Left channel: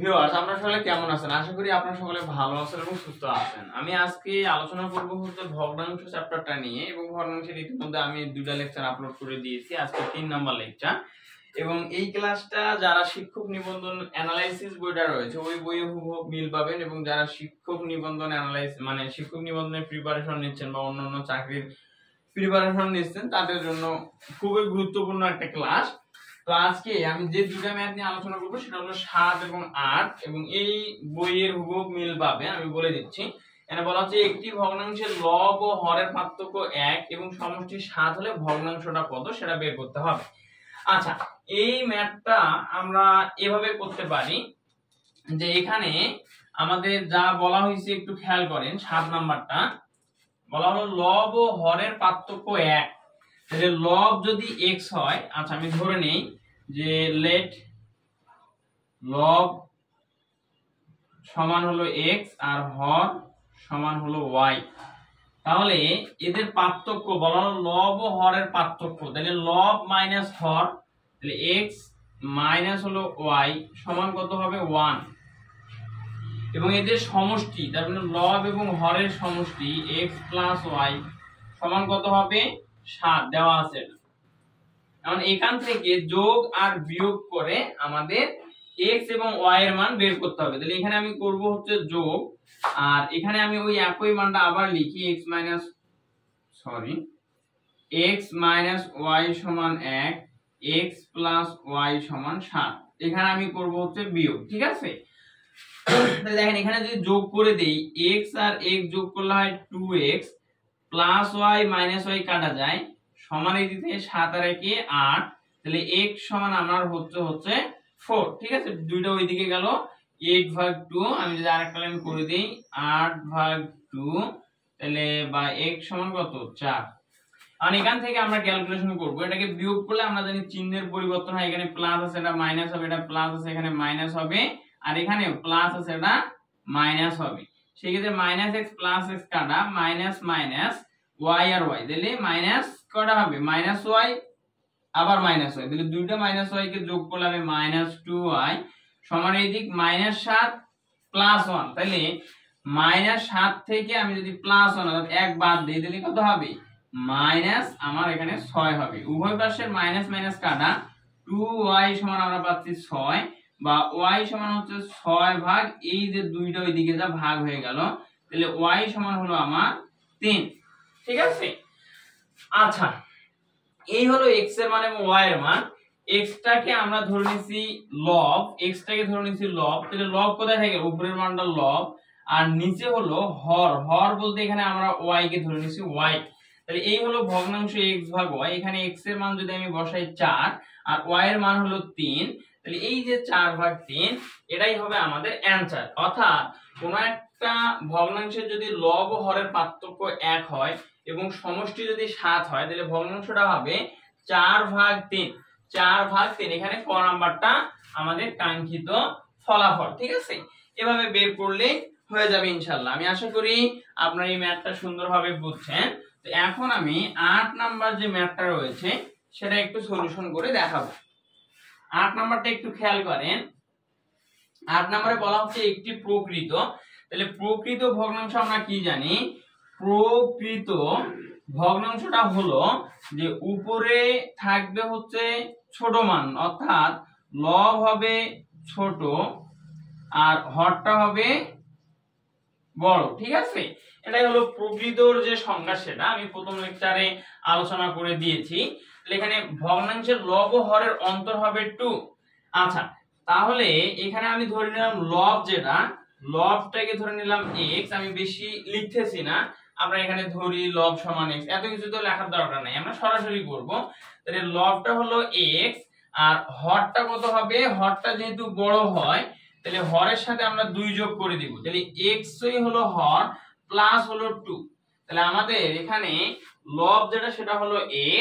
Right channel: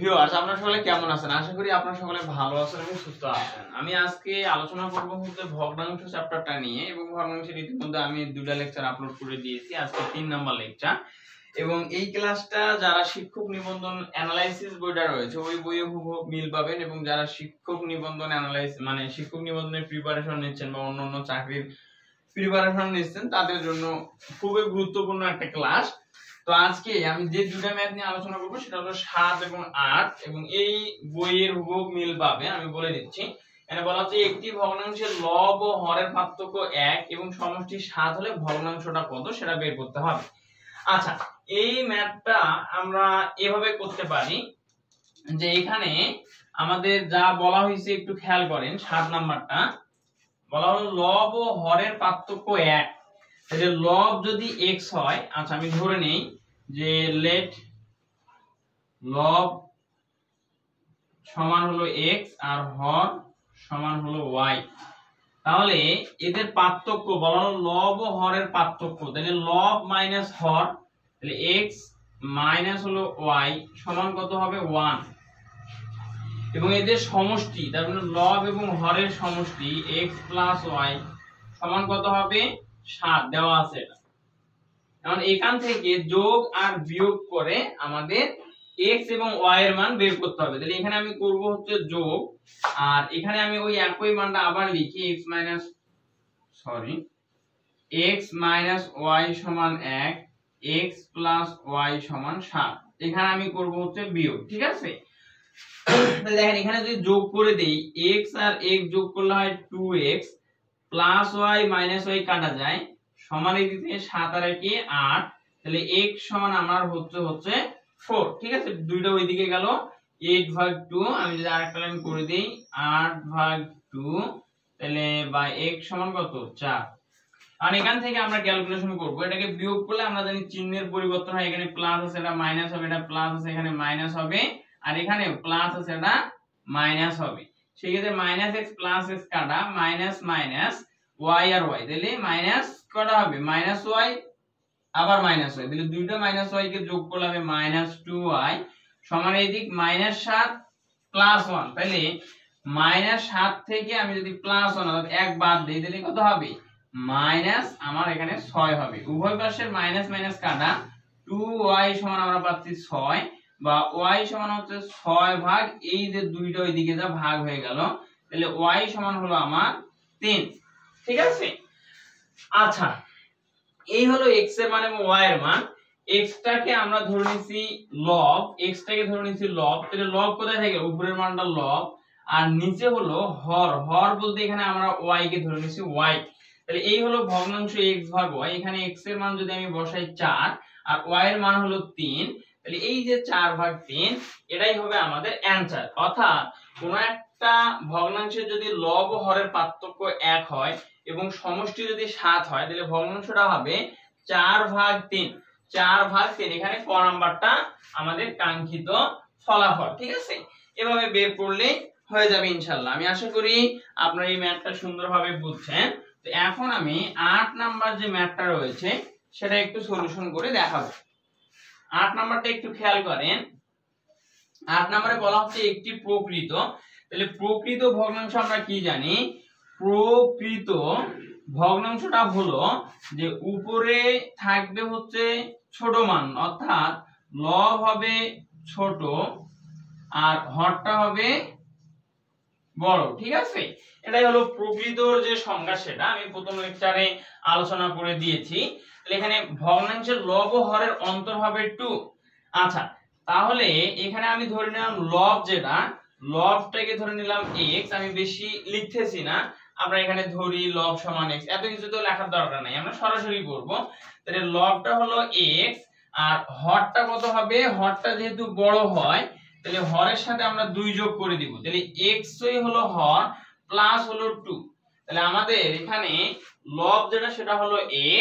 Viewers, আপনারা সকলে কেমন আছেন? আশা করি আপনারা সকলে ভালো আছেন এবং সুস্থ আছেন। আমি আজকে আলোচনা করব হচ্ছে ভগ্নাংশ চ্যাপ্টারটা নিয়ে, এবং ভগ্নাংশের ইতিমধ্যে আমি দুটো লেকচার আপলোড করে দিয়েছি। আজকে 3 নাম্বার লেকচার, এবং এই ক্লাসটা যারা শিক্ষক নিবন্ধন অ্যানালাইসিস বইটা রয়েছে ওই বইয়ে হুবহু মিল পাবেন, এবং যারা শিক্ষক নিবন্ধন মানে শিক্ষক নিবন্ধনের প্রিপারেশন নিচ্ছেন বা অন্যান্য চাকরির প্রিপারেশন নিচ্ছেন তাদের জন্য খুবই গুরুত্বপূর্ণ একটা ক্লাস। তো আজকে আমি যে দুটো ম্যাথ নিয়ে আলোচনা করব সেটা হলো 7 এবং 8, এবং এই বইয়ের হুবহু মিল পাবে। আমি বলে দিচ্ছি, এখানে বলা হচ্ছে একটি ভগ্নাংশের লব ও হরের পার্থক্য 1 এবং সমষ্টি 7 হলে ভগ্নাংশটা কত সেটা বের করতে হবে। আচ্ছা, এই ম্যাথটা আমরা এভাবে করতে পারি যে এখানে আমাদের যা বলা হয়েছে একটু খেয়াল করেন। 7 নাম্বারটা বলা হলো লব ও হরের পার্থক্য 1। তাহলে লব যদি x হয়, আচ্ছা আমি ধরে নেই যে লেট লব সমান হলো x আর হর সমান হলো y, তাহলে এদের পার্থক্য বলা হলো লব ও হরের পার্থক্য। তাহলে লব মাইনাস হর, তাহলে x মাইনাস হলো y সমান কত হবে 1, এবং এদের সমষ্টি তার মানে লব এবং হরের সমষ্টি x প্লাস y সমান কত হবে 7 দেওয়া আছে। এখন এখান থেকে যোগ আর বিয়োগ করে আমাদের x এবং y এর মান বের করতে হবে। তাহলে এখানে আমি করব হচ্ছে যোগ, আর এখানে আমি ওই একই মানটা আবার লিখি x মাইনাস y সমান 1, x প্লাস y সমান 7। এখানে আমি করব হচ্ছে বিয়োগ, ঠিক আছে? তাহলে দেখেন এখানে যদি যোগ করে দেই x আর x যোগ করলে হয় 2x plus y minus y কাটা যায় সমান এই দিকে 7 আর 1 8, তাহলে x সমান আমার হচ্ছে 4, ঠিক আছে? দুইটা ওইদিকে গেল 8/2। আমি যদি আরেকটা লাইন করে দেই 8/2, তাহলে বা x সমান কত 4। আর এখান থেকে আমরা ক্যালকুলেশন করব, এটাকে বিয়োগ করলে আমরা জানি চিহ্নের পরিবর্তন হয়, এখানে প্লাস আছে এটা মাইনাস হবে, এটা প্লাস আছে এখানে মাইনাস হবে, আর এখানে প্লাস আছে এটা মাইনাস হবে। সেই ক্ষেত্রে মাইনাস x প্লাস x কাটা মাইনাস মাইনাস y আর y, তাহলে মাইনাস কটা হবে মাইনাস y আবার মাইনাস y, তাহলে দুইটা মাইনাস y কে যোগ করলে হবে মাইনাস 2y সমান এই দিক মাইনাস 7 প্লাস 1। তাহলে মাইনাস 7 থেকে আমি যদি প্লাস 1 অর্থাৎ 1 বাদ দেই তাহলে কত হবে মাইনাস আমার এখানে 6 হবে। উভয় পাশের মাইনাস মাইনাস কাটা 2y সমান আমরা পাচ্ছি 6, বা y সমান হচ্ছে 6 ভাগ এই যে দুইটা ওইদিকে যা ভাগ হয়ে গেল, তাহলে y সমান হলো আমার 3, ঠিক আছে? আচ্ছা, এই হলো x এর মান এবং y এর মান। x টাকে আমরা ধরে নিছি লব, তাহলে লব কোথায় থাকে উপরের মানটা লব, আর নিচে হলো হর। হর বলতে এখানে আমরা y কে ধরে নিছি y। তাহলে এই হলো ভগ্নাংশ x ভাগ y। এখানে x এর মান যদি আমি বসাই 4 আর y এর মান হলো 3, তাহলে এই যে 4/3 এটাই হবে আমাদের অ্যানসার। অর্থাৎ কোন একটা ভগ্নাংশের যদি লব ও হরের পার্থক্য 1 হয় এবং সমষ্টি যদি 7 হয়, তাহলে ভগ্নাংশটা হবে 4/3। 4/3 এখানে ক নাম্বারটা আমাদের কাঙ্ক্ষিত ফলাফল, ঠিক আছে? এভাবে বের করলে হয়ে যাবে ইনশাআল্লাহ। আমি আশা করি আপনারা এই ম্যাথটা সুন্দরভাবে বুঝছেন। তো এখন আমি 8 নাম্বার যে ম্যাথটা রয়েছে সেটা একটু সলিউশন করে দেখাবো। 8 নাম্বারটা একটু খেয়াল করেন। 8 নম্বরে বলা হচ্ছে একটি প্রকৃত, তাহলে প্রকৃত ভগ্নাংশ আমরা কি জানি? প্রকৃত ভগ্নাংশটা হলো যে উপরে থাকবে হচ্ছে ছোট মান, অর্থাৎ লব হবে ছোট আর হরটা হবে বড়, ঠিক আছে? এটাই হলো প্রকৃতর যে সংজ্ঞা, সেটা আমি প্রথম লেকচারে আলোচনা করে দিয়েছি। তাহলে এখানে ভগ্নাংশের লব ও হরের অন্তর হবে 2। আচ্ছা, তাহলে এখানে আমি ধরে নিলাম লব, যেটা লবটাকে ধরে নিলাম x, আমি বেশি লিখতেছি না, আমরা এখানে ধরি লব সমান x, এত কিছু তো লেখার দরকার নাই, আমরা সরাসরি করব। তাহলে লবটা হলো x আর হরটা কত হবে, হরটা যেহেতু বড় হয় তাহলে হরের সাথে আমরা 2 যোগ করে দিব, তাহলে x হলো হর প্লাস হলো 2। তাহলে আমাদের এখানে লব যেটা সেটা হলো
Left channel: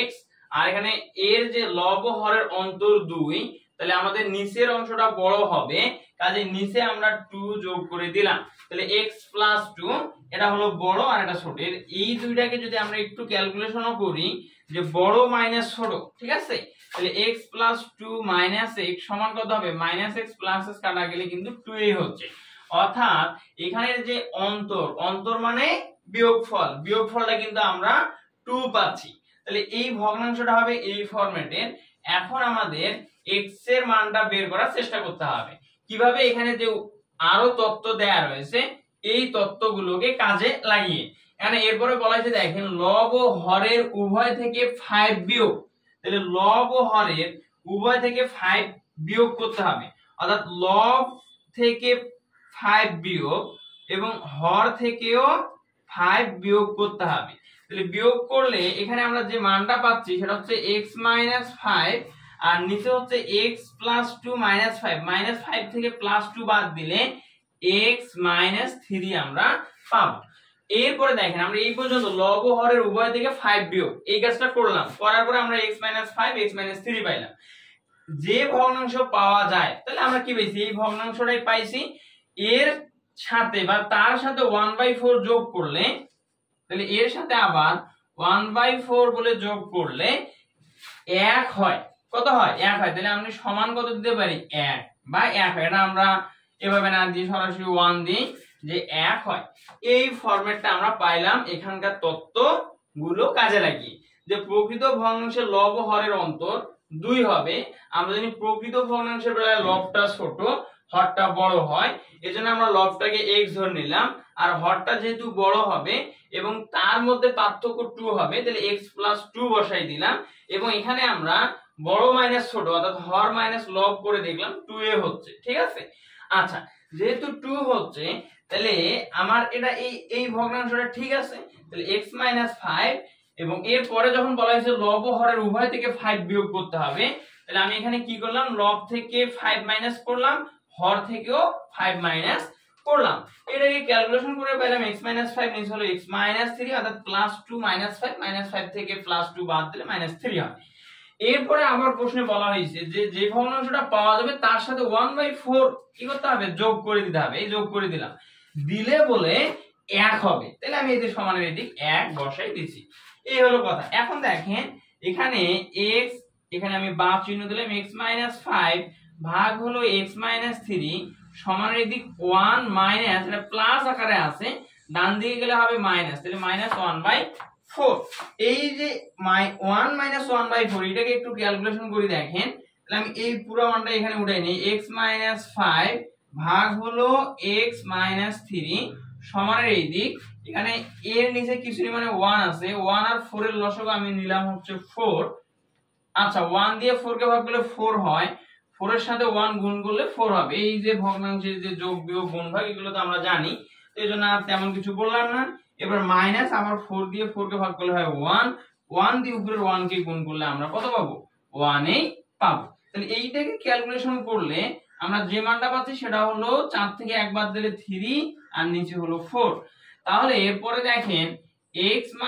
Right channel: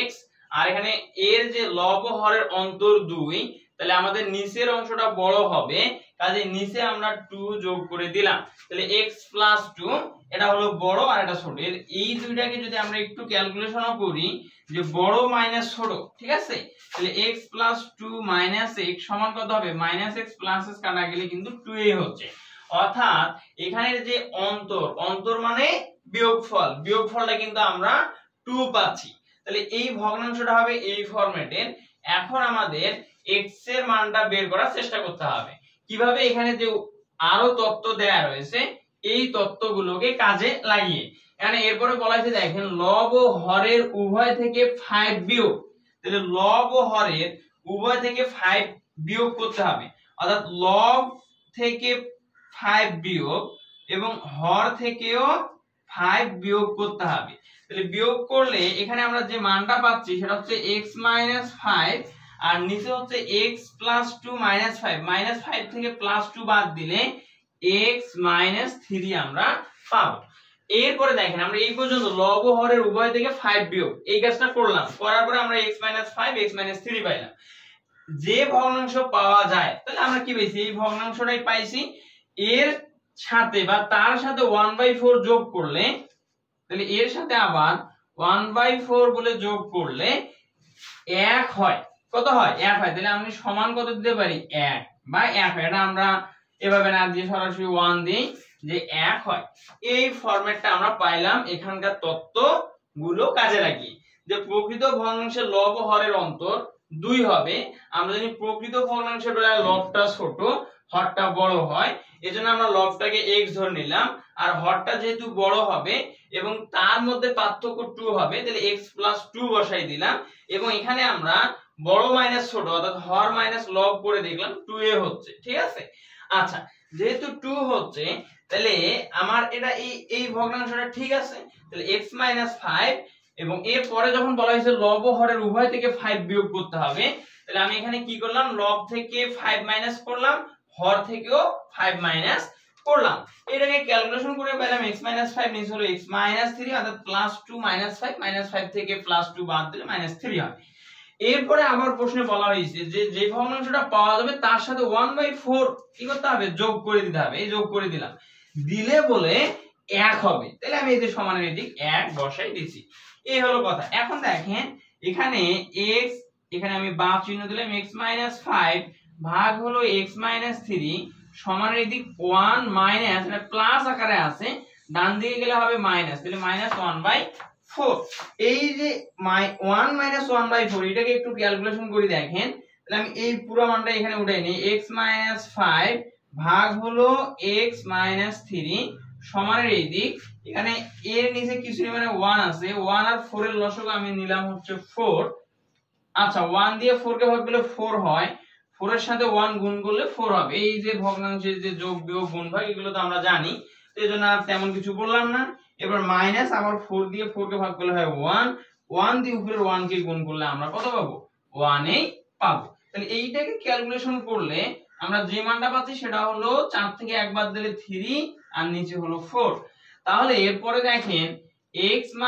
x, আর এখানে এর যে লব ও হরের অন্তর 2, তাহলে আমাদের নিচের অংশটা বড় হবে, কাজে নিচে আমরা 2 যোগ করে দিলাম, তাহলে x প্লাস 2 এটা হলো বড় আর এটা ছোট, এই দুইটাকে যদি আমরা একটু ক্যালকুলেশনও করি যে বড় মাইনাস ছোট, ঠিক আছে, তাহলে x + 2 - x সমান কত হবে, -x + s কাটা গেলে কিন্তু 2a হচ্ছে। অর্থাৎ এখানের যে অন্তর মানে বিয়োগফল, বিয়োগফলটা কিন্তু আমরা 2 পাচ্ছি। তাহলে এই ভগ্নাংশটা হবে এই ফরম্যাটের। এখন আমাদের x এর মানটা বের করার চেষ্টা করতে হবে। কিভাবে, এখানে যে আরো তথ্য দেয়া রয়েছে এই তথ্যগুলোকে কাজে লাগিয়ে। এখানে এরপরে বলা হয়েছে দেখেন লব ও হরের উভয় থেকে 5 বিয়োগ, তাহলে লব ও হরের উভয় থেকে 5 বিয়োগ করতে হবে। অর্থাৎ লব থেকে 5 বিয়োগ এবং হর থেকেও 5 বিয়োগ করতে হবে। তাহলে বিয়োগ করলে এখানে আমরা যে মানটা পাচ্ছি সেটা হচ্ছে x - 5 আর নিচে হচ্ছে x + 2 - 5 -5 থেকে +2 বাদ দিলে x - 3 আমরা পাবো। এরপরে দেখেন আমরা এই পর্যন্ত লব ও হরের উভয় থেকে 5 বিয়োগ এই কাজটা করলাম, করার পরে আমরা x - 5 x - 3 পাইলাম। যে ভগ্নাংশ পাওয়া যায় তাহলে আমরা কি পেয়েছি, এই ভগ্নাংশটাই পাইছি। এর সাথে বা তার সাথে 1/4 যোগ করলে, তাহলে এর সাথে আবার 1/4 বলে যোগ করলে 1 হয়। কত হয়, 1 হয়। তাহলে আমি সমান কত দিতে পারি, 1 বা 1 হয়। এটা আমরা এভাবে না দিয়ে সরাসরি 1 দিই যে 1 হয়। এই ফরম্যাটটা আমরা পাইলাম এখানকার তথ্যগুলো কাজে লাগিয়ে, যে প্রকৃত ভগ্নাংশের লব ও হরের অন্তর 2 হবে। আমরা জানি প্রকৃত ভগ্নাংশের বেলায় লবটা ছোট হরটা বড় হয়, এজন্য আমরা লবটাকে x ধরে নিলাম, আর হরটা যেহেতু বড় হবে এবং তার মধ্যে পার্থক্য 2 হবে, তাহলে x + 2 বসাই দিলাম। এবং এখানে আমরা বড় মাইনাস ছোট অর্থাৎ হর মাইনাস লব করে দেখলাম 2a হচ্ছে, ঠিক আছে। আচ্ছা, যেহেতু 2 হচ্ছে তাহলে আমার এটা এই ভগ্নাংশটা ঠিক আছে। তাহলে x - 5 এবং এর পরে যখন বলা হয়েছে লব ও হরের উভয় থেকে 5 বিয়োগ করতে হবে, তাহলে আমি এখানে কি করলাম, লব থেকে 5 মাইনাস করলাম, হর থেকেও 5 মাইনাস করলাম। এটাকে ক্যালকুলেশন করে পেলাম x - 5 নিচে হলো x - 3 অর্থাৎ +2 - 5 -5 থেকে +2 বাদ দিলে -3 হয়। এরপরে আবার প্রশ্নে বলা হয়েছে যে যে ভগ্নাংশটা পাওয়া যাবে তার সাথে 1/4 কি করতে হবে, যোগ করে দিতে হবে। এই যোগ করে দিলাম, দিলে বলে 1 হবে। তাহলে আমি এই যে সমানের এদিক 1 বসাই দিয়েছি। এই হলো কথা। এখন দেখেন এখানে x, এখানে আমি বাঁ চিহ্ন দিলাম, x - 5 ভাগ হলো x - 3 সমানের এদিক 1 মাইনাস, এটা প্লাস আকারে আছে, ডান দিকে গেলে হবে মাইনাস, তাহলে -1/4। এই যে 1 - 1/4 এটাকে একটু ক্যালকুলেশন করে দেখেন, তাহলে আমি এই পুরো মানটা এখানে উঠাই নিই, x - 5 ভাগ হলো x - 3 সমানের এই দিক, এখানে এর নিচে কিছু মানে 1 আছে, 1 আর 4 এর লসাগু আমি নিলাম হচ্ছে 4। আচ্ছা, 1 দিয়ে 4 কে ভাগ করলে 4 হয়, 4 এর সাথে 1 গুণ করলে 4 হবে। এই যে ভগ্নাংশের যে যোগ বিয়োগ গুণ ভাগ এগুলো তো আমরা জানি, এইজন্য আর তেমন কিছু বললাম না। এবার মাইনাস আবার 4 দিয়ে 4 কে ভাগ করলে হয় 1, 1 দিয়ে উপরের 1 কে গুণ করলে আমরা কত পাবো, 1 এই পাবো। তাহলে এইটাকে ক্যালকুলেশন করলে আমরা যে মানটা পাচ্ছি সেটা হলো 4 থেকে 1 বাদ দিলে 3 আর নিচে হলো 4। তাহলে এরপরে দেখেন x -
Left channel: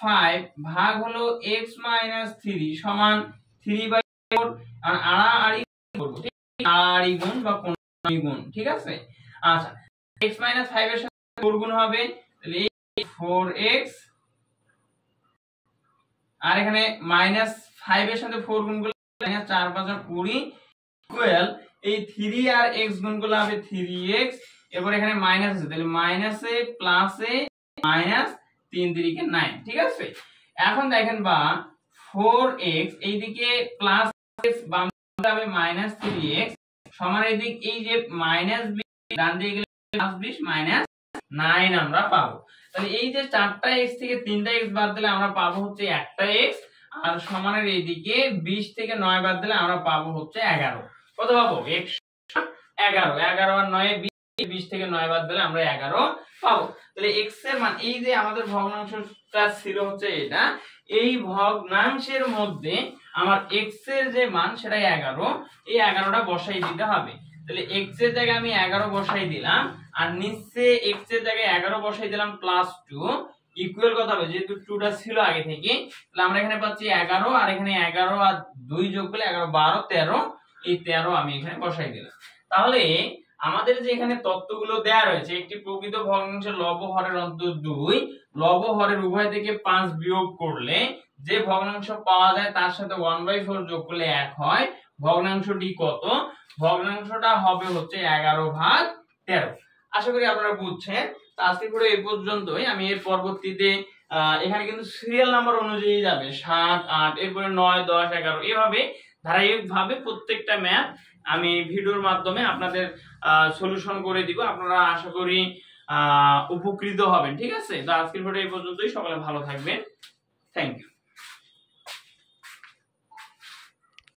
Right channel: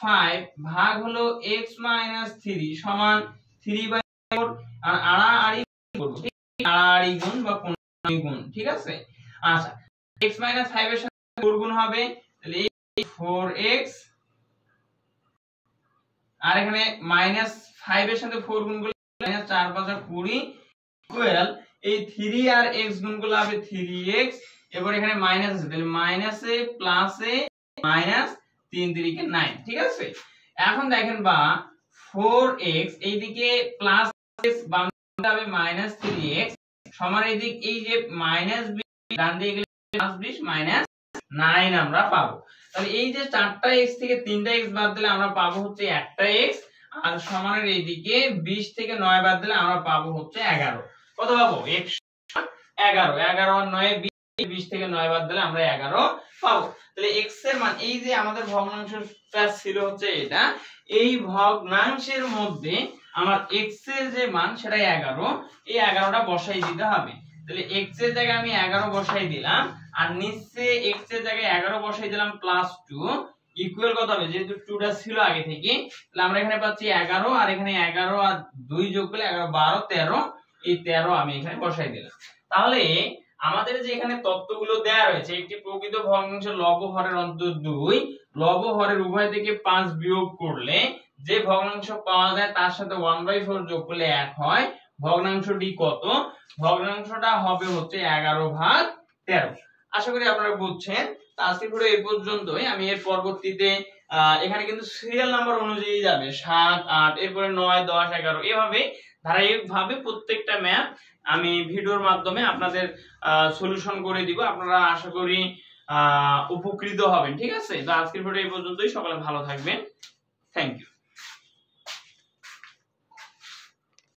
5 ভাগ হলো x - 3 সমান 3/4 আর আড়াআড়ি করব, ঠিক আড়াআড়ি গুণ বা কোণাকুণি গুণ, ঠিক আছে। আচ্ছা, x - 5 এর সাথে 4 গুণ হবে, তাহলে 4x আর এখানে -5 এর সাথে 4 গুণ করলে -4 × 5 = 20 ইকুয়াল এই 3 আর x গুণ করলে হবে 3x। এরপর এখানে মাইনাস আছে, তাহলে মাইনাসে প্লাসে মাইনাস 3 3 কে 9, ঠিক আছে। এখন দেখেন বা 4x এইদিকে প্লাস x বামদিকে হবে -3x সমান এইদিক এই যে -20 ডান দিকে গেলে +20 -9 আমরা পাবো। তাহলে এই যে 4টা x থেকে 3টা x বাদ দিলে আমরা পাবো হচ্ছে একটা x, আর সমানের এইদিকে 20 থেকে 9 বাদ দিলে আমরা পাবো হচ্ছে 11। কত পাবো, 11 11 আর 9 20 থেকে 9 বাদ দিলে আমরা 11 পাবো। তাহলে x এর মান, এই যে আমাদের ভগ্নাংশটা ছিল হচ্ছে এটা, এই ভগ্নাংশের মধ্যে আমার x এর যে মান সেটা 11, এই 11টা বসাই দিতে হবে। তাহলে x এর জায়গায় আমি 11 বসাই দিলাম আর নিচে x এর জায়গায় 11 বসাই দিলাম +2 ইকুয়াল কত হবে, যেহেতু 2টা ছিল আগে থেকে, তাহলে আমরা এখানে পাচ্ছি 11 আর এখানে 11 আর 2 যোগ করলে 11 12 13, এই 13 আমি এখানে বসাই দিলাম। তাহলে আমাদের যে এখানে তত্ত্বগুলো দেয়া রয়েছে, একটি প্রকৃত ভগ্নাংশের লব হরের অন্তত 2, লব হরের উভয় থেকে 5 বিয়োগ করলে যে ভগ্নাংশ পাওয়া যায় তার সাথে 1/4 যোগ করলে 1 হয়। ভগ্নাংশটি কত? ভগ্নাংশটা হবে হচ্ছে 11/13। আশা করি আপনারা বুঝছেন। তো আজকের ভিডিও এই পর্যন্তই। আমি এর পরবর্তীতে এখানে কিন্তু সিরিয়াল নাম্বার অনুযায়ী যাবে 7 8 এরপরে 9 10 11 এভাবে ধারাবাহিকভাবে প্রত্যেকটা ম্যাথ আমি ভিডিওর মাধ্যমে আপনাদের সলিউশন করে দিব। আপনারা আশা করি উপকৃত হবেন। ঠিক আছে, তো আজকের ভিডিও এই পর্যন্তই। সকলে ভালো থাকবেন। Thank you.